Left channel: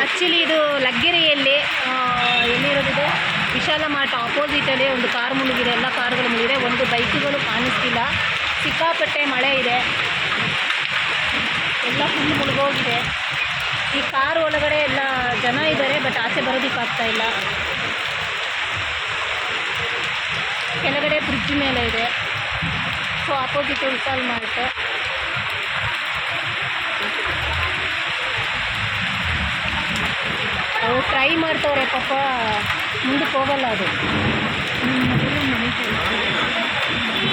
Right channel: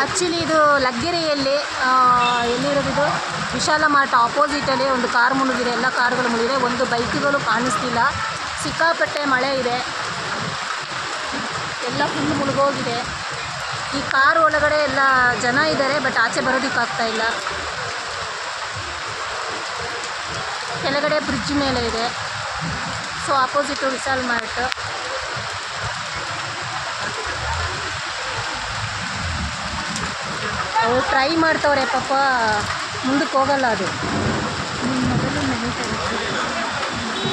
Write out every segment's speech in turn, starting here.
Actually ಇದು ಲಗ್ಗೆರೆಯಲ್ಲಿ ಎಲ್ಲಿರೋದಿದೆ ವಿಶಾಲ mart ಆಪೋಸಿಟಲ್ಲಿ ಒಂದು ಕಾರ್ ಮುಳುಗಿದೆ. ಎಲ್ಲ ಕಾರ್ಗಳು ಮುಳುಗಿದೆ. ಒಂದು ಬೈಕ್ಗಳು ಕಾಣಿಸ್ತಿಲ್ಲ. ಸಿಕ್ಕಾಪಟ್ಟೆ ಮಳೆ ಇದೆ. ಎಲ್ಲ ಫುಲ್ ಮುಳುಗೋಗಿದೆ. ಈ ಕಾರ್ ಒಳಗಡೆ ಎಲ್ಲ ಜನ ಇದ್ದಾರೆ ಬಟ್ ಆಚೆ ಬರೋದಕ್ಕಾಗ್ತಾ ಇಲ್ಲ. ಕೆಳಗಡೆ ಬ್ರಿಡ್ಜ್ ಮೇಲೆ ಇದೆ. So opposite Vishal mart. ಅವ್ರು ಟ್ರೈ ಮಾಡ್ತವ್ರೆ ಪಾಪ ಮುಂದಕ್ಕೆ ಹೋಗಲ್ಲ ಅದು.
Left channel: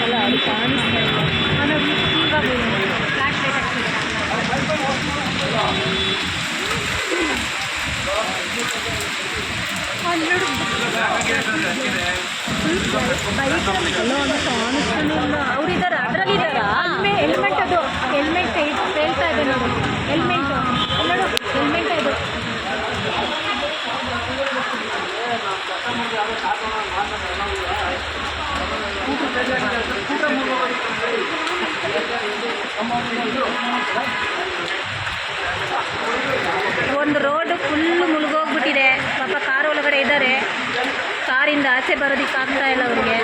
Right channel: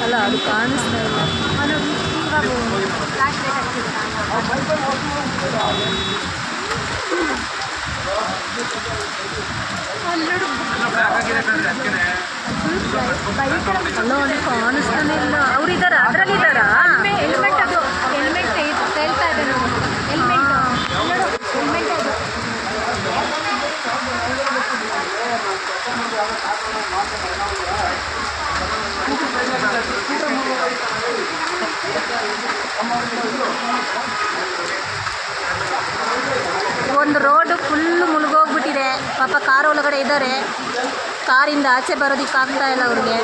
ಅಲ್ಲ ಅದು ಕಾಣಿಸ್ತಾ ಇಲ್ಲ. ಅಲ್ಲ ಅದು ಕಾಣಿಸ್ತಾನೆ ಇಲ್ಲ. ಅವ್ರಿದಾರ ಅದ್ರಲ್ಲಿದ್ದಾರಾ ಹೆಲ್ಮೆಟ್ ಅದು ಹೆಲ್ಮೆಟ್ ಹೇಳ್ತಾ ಇದೆ ನೋಡಿ ಹೆಲ್ಮೆಟ್ ನೋಡು ಹೆಲ್ಮೆಟ್ ಅದು ಒಂದು ರೋಡ್ ಫುಲ್ ಮುಳುಗೋಗ್ಬಿಟ್ಟಿದೆ. ಪಾಪ ಕಾರ್ ಒಳಗಡೆ ಇದ್ದಾರೆ. ಕಾರಿಂದ ಆಚೆ ಬರೋದಕ್ಕಾಗ್ತಾ ಇಲ್ಲ ಅವ್ರಿಗೆ.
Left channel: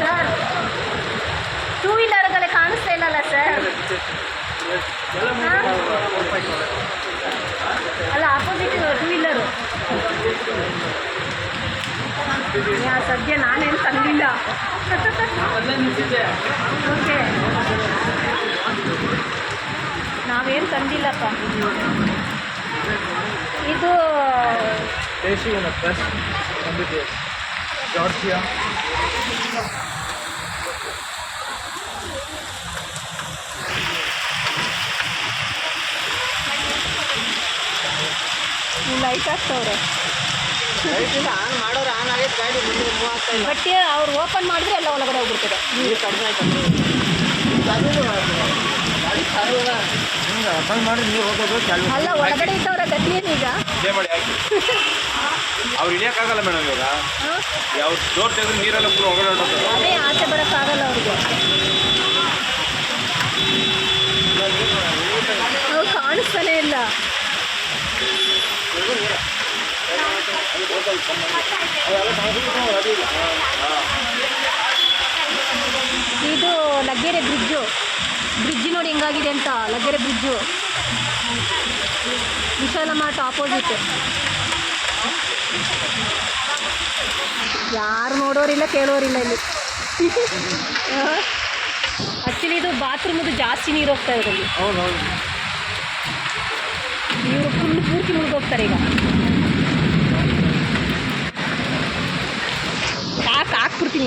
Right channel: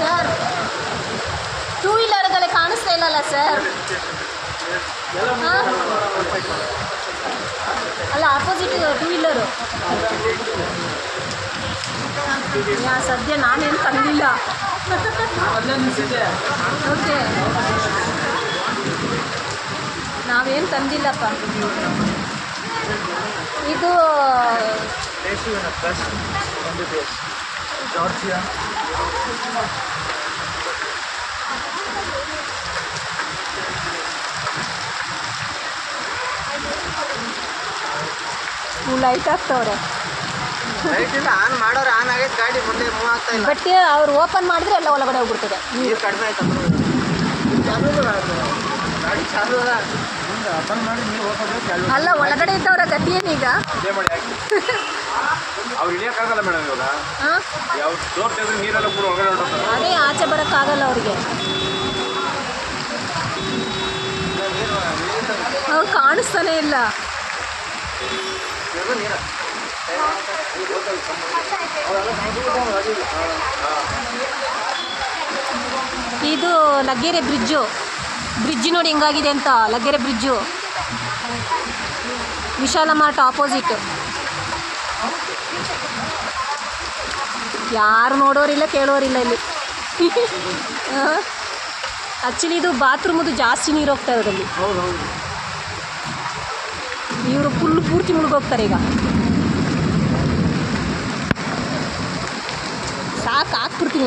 ಸರ್ ಟೂ ವೀಲರ್ಗಳೇ ಕಾಣಿಸ್ತಾ ಇಲ್ಲಲ್ಲ ಸರ್ ಆಪೋಸಿಟ್ ಟೂ ವೀಲರು ಯಾ ಸದ್ಯ ನಾನೇನು ತಂದಿಲ್ಲ. ಓಕೆ ನಾವೇನು ತಂದಿಲ್ಲಪ್ಪ. ಇದು ಜಾರ್ಜಿಯಾ. ಲೈಟ್ ಆಗ್ತವ್ರೆ ಲೈಟಿಂದ ಆನ್ ಮಾಡೋರು ಆನ್ ಆಗೈತೆ ಗಾಡಿ ಮುಂದೆ ಮೂವ್ ಆಗ್ತಾ ಇಲ್ಲ. ಬಟ್ ಅವ್ರು ಓಪನ್ ಮಾಡಿದ್ರೆ ಎಲ್ಲ ಒಳಗಡೆ ಹೋಗ್ಬಿಡ್ತದೆ. ನೀರು ಕಡಿಮೆ ಆಯ್ತು ಗಾಡಿ ಚಾಲು ಅಲ್ಲ ಒಳಗಡೆ ಇದ್ದವ್ರ ಗತಿ ಏನೀಗ ಇದೇ ಮಾಡಿ ಹಾಕಿ ಅವ್ರು ಇಳಿಯೋಕ್ಕಾಗಲ್ಲ ಮೇಡಮ್ ಇವಾಗ. ಹಾಂ ಯಾವ ಡೋರ್ ತೆಗೆದ್ರೆ ನೀರೆಲ್ಲ ಪೂರ ಹೊರಗಡೆ ಹೊರಟೋಗ್ತದೆ. ಅದೇ ಆಚೆ ಬರೋಕ್ಕಾಗಲ್ಲ ಅವ್ರಿಗೆ. ಅವ್ರು ಕಾಣಿಸ್ತಾನೆ ಇಲ್ಲ. ಇದು ಲಗ್ಗೆರೆ ಬ್ರಿಡ್ಜು. ಬ್ರಿಡ್ಜ್ ನೋಡಿ ಹೆಂಗಾಗಿದೆ ಅಂತ, Laggere bridge. Vishal mart opposite ಯಾರು ನೋಡೋರಿಲ್ಲ, ಕೇಳೋರಿಲ್ಲ ಇಲ್ಲಿ. ಆಕ್ಚುಲಿ ಇದು ಬಾತ್ರೂಮದು ಜಾಸ್ತಿ ನೀರು ಹೋಗ್ತಾ ಇರೋದಲ್ಲಿ ಇವರು ಫುಲ್ ಪೂರ್ತಿ ಮುಳುಗೋಗ್ತಾರೆ ಈಗ. ಸಾಕು ಹಾಕ್ಬಿಡ್ತೀನಿ.